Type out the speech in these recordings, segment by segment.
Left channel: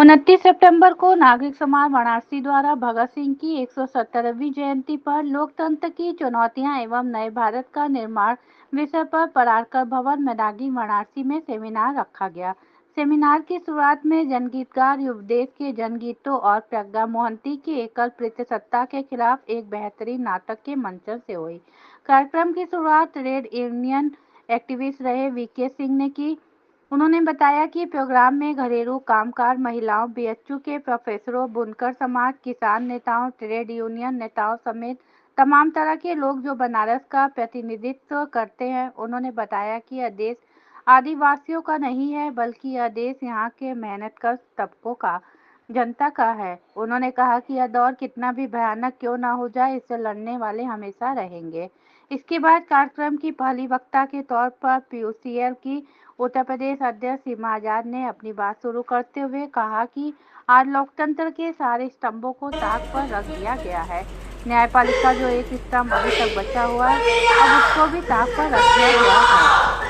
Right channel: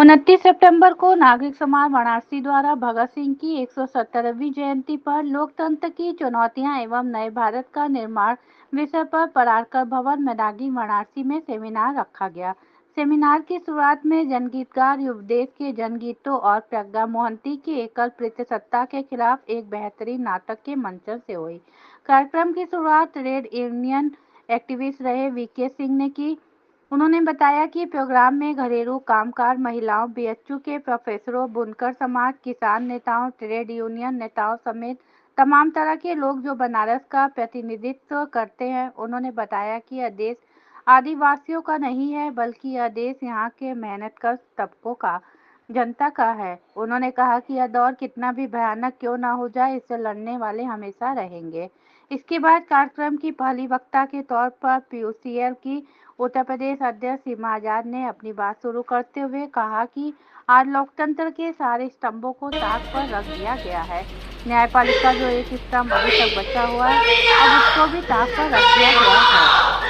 29 सितंबर को नागरिक समाज वाराणसी द्वारा भगत सिंह की 170वीं जयंती पर लोकतंत्र की चुनौतियां एवं नए भारत का निर्माण विषय पर परारकर भवन मैदानी वाराणसी में सेमिनार रखा गया। सेमिनार की शुरुआत में जनगीतकार युवदेश के जनगीतों और प्रज्ञा मोहंती की एकल प्रतिसत्ता के खिलाफ एक बेहतरीन नाटक के मंचन से हुई। कार्यक्रम की शुरुआत ट्रेड यूनियन एक्टिविस्ट रहे वीके सिंह ने की। उन्होंने बताया कि प्रोग्राम में घरेलू कामकाज महिलाओं, बीएचयू के प्रोफेसरों, बुनकर समाज, किसान नेताओं, ट्रेड यूनियन नेताओं समेत तमाम तरह के लोग जो बनारस का प्रतिनिधित्व करते हैं। उन्होंने बताया कि यह देश आदिवासियों का नहीं है, बल्कि यह देश यहाँ के मेहनतकश तबकों का, जनता का है। उन्होंने कहा कि यह दौर कितना भी भयानक क्यों न हो जाए, इससे लड़ने वाले हमेशा रहेंगे। इसके बाद कार्यक्रम की पहली वक्ता के तौर पर पीयूसीएल की उत्तर प्रदेश अध्यक्ष सीमा आजाद ने अपनी बात शुरू करते हुए कहा कि आज लोकतंत्र के सारे स्तंभों को ताक पर रख दिया गया है। न्यायपालिका जो एक स्तंभ अभी तक बचा हुआ है, अब उसको भी ताक पर रख दिया गया है।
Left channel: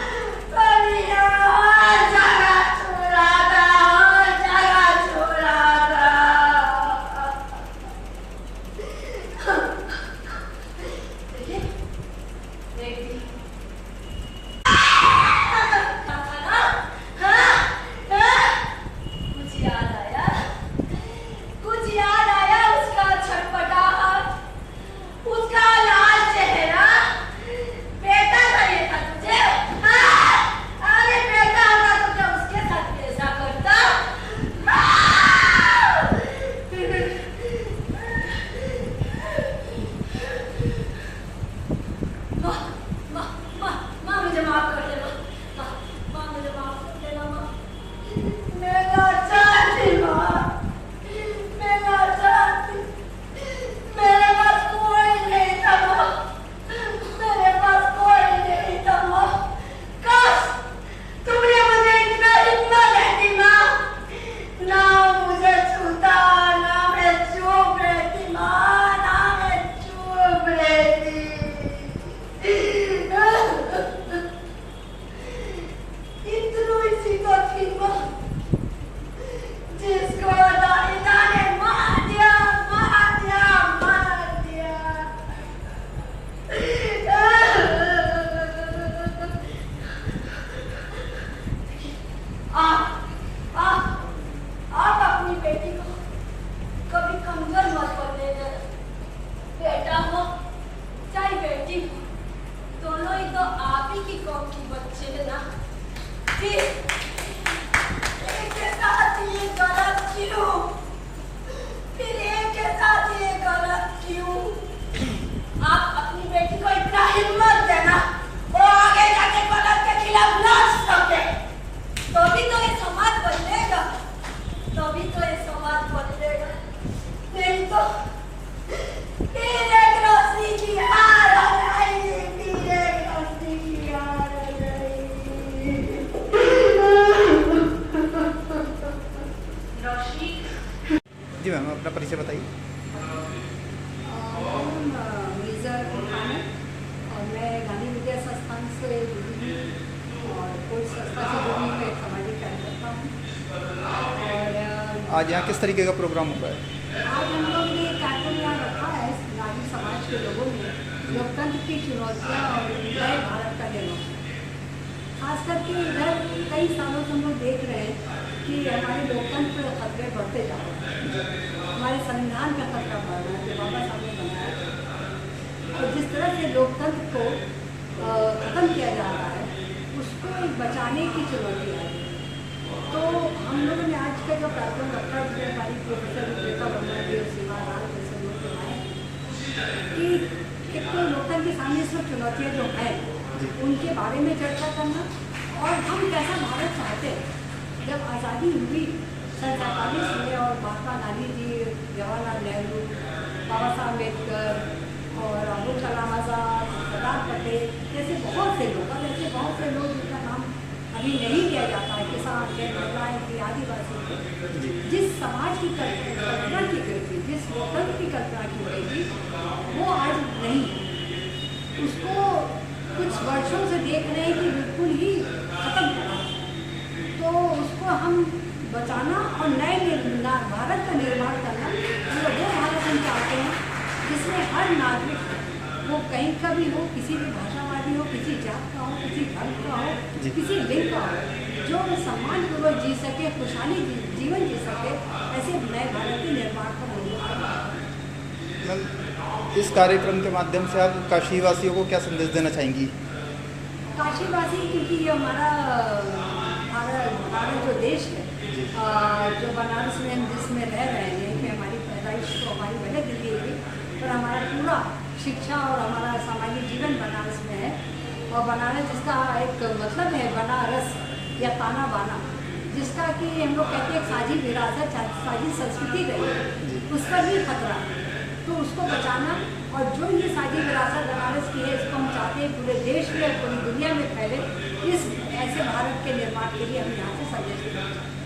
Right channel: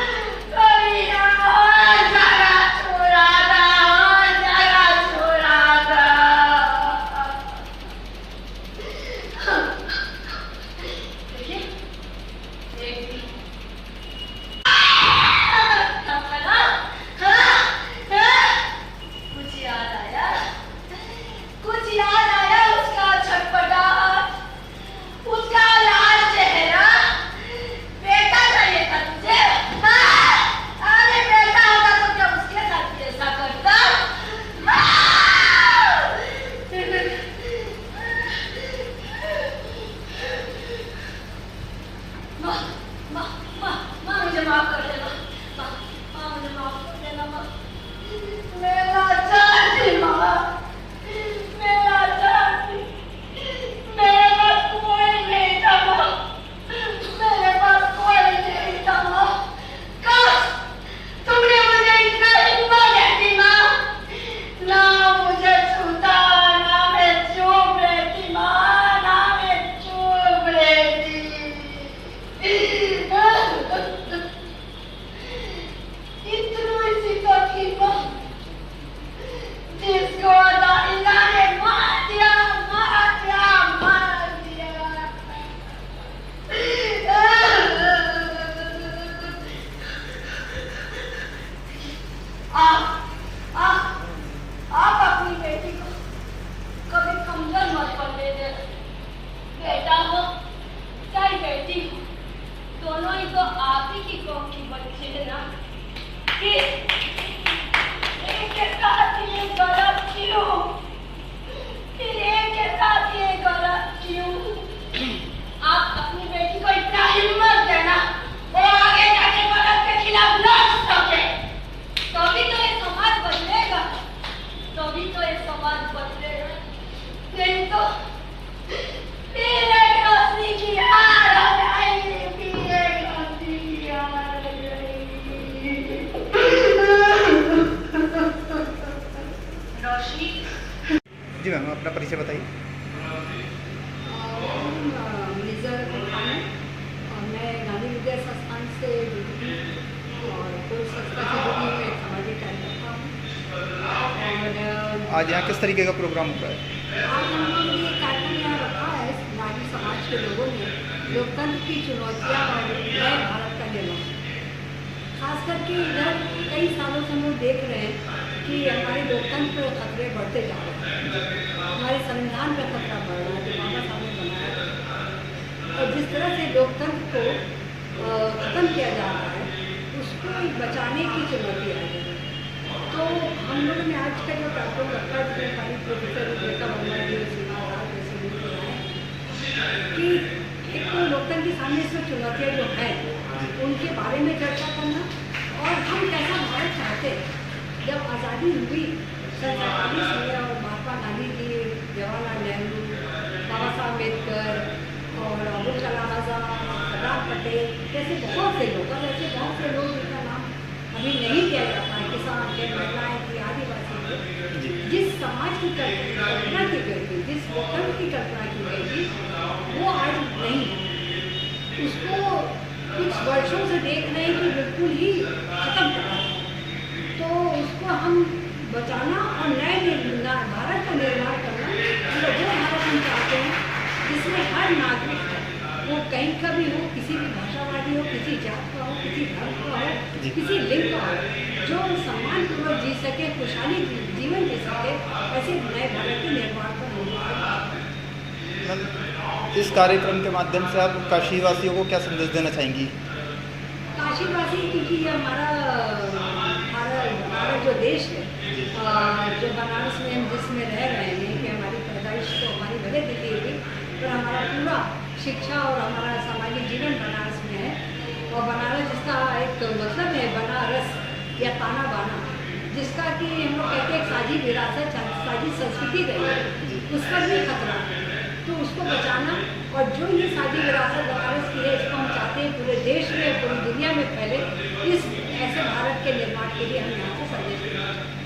जी मैम, अपना परिचय बताइए। और मैं गांधी विद्या संस्थान से और कोई संस्था से जुड़ी हुई एक सामाजिक कार्यकर्ता हूँ। और आज यहाँ किस तरीके का प्रोग्राम हो रहा है? आज हम लोग ये कार्यक्रम यहाँ रखा है नागरिक समाज के लोगों ने लोकतंत्र की चुनौतियाँ और नए भारत का निर्माण। खास करके इधर कई सालों से हम लोग देख रहे हैं कि हमारे लोकतंत्र के खतरे बढ़ते जा रहे हैं। हमारे संविधान का खतरा बढ़ रहा है जो बाबा साहब ने बनाया, और जिस तरह से लोकतंत्र को खत्म किया जा रहा है उसको बचाने की चुनौती आ रही है। तो हम लोगों ने आज का जो कार्यक्रम रखा है हमारी प्रोफेसर रुपेता वर्मा जी और सीमा लाल जैसे लोग बनाए कि एक तो लोकतंत्र के सामने इसमें चुनौतियाँ जो हैं उनके बारे में चर्चा करना, और हम कैसा भारत चाहते हैं। जब आज़ादी हुई 1947 में और महात्मा गांधी जी, जवाहरलाल नेहरू, बाबा साहब अम्बेडकर और अब्दुल कलाम आज़ाद, सरदार पटेल जैसे बहुत से लोग, और ऐसे बहुत से लोग जिनका नाम अभी नहीं किया जाता है, किसान के, महिलाएँ की, आदिवासी के, जिस समाज की कल्पना की गई थी, जिस लोकतंत्र की कल्पना की गई थी वो आज नहीं है। उसको कुछ वर्षों से देख रहे हैं कि बिल्कुल ही खत्म कर रहा है। तो उसको हम बचाना और भारत का निर्माण करना, मतलब वो भारत हम चाहते हैं जिसमें हर नागरिक है, वो कहीं का भी हो, किसी भी भाषावादी हो, किसी जात का हो, किसी धर्म का हो, किसी लिंग का हो, जो सम्मानपूर्वक जी सके, खुशहाली जीवन जी सके, ऐसे नए भारत के निर्माण पर हम लोग मैम, इस कार्यक्रम के माध्यम से आप काशीवासियों को क्या संदेश देना चाहेंगी? काशीवासी, क्योंकि ये हमारा जो देश है, जो बनारस में हम जिसमें रह रहे हैं, कि हमारी पैदाइश तो हमारी भले दिल्ली हुई, पर हमारा पूरा शिक्षा और हमारा सामाजिक जीवन बनारस में है। और बनारस जिसका एक मतलब है बनारस या ताना बाना, जिसका कि हम लोग कहते हैं साझी विरासत, साझी संस्कृति गई है, उस पर भी खतरा है, तो उसको बचाना। और जो ये साझी विरासत बनारस की है, इसको हम चाहते हैं पूरे देश में, पूरी दुनिया में फैले। इस ऐसे भारत के निर्माण के लिए हम यहाँ से संदेश देना चाहते हैं।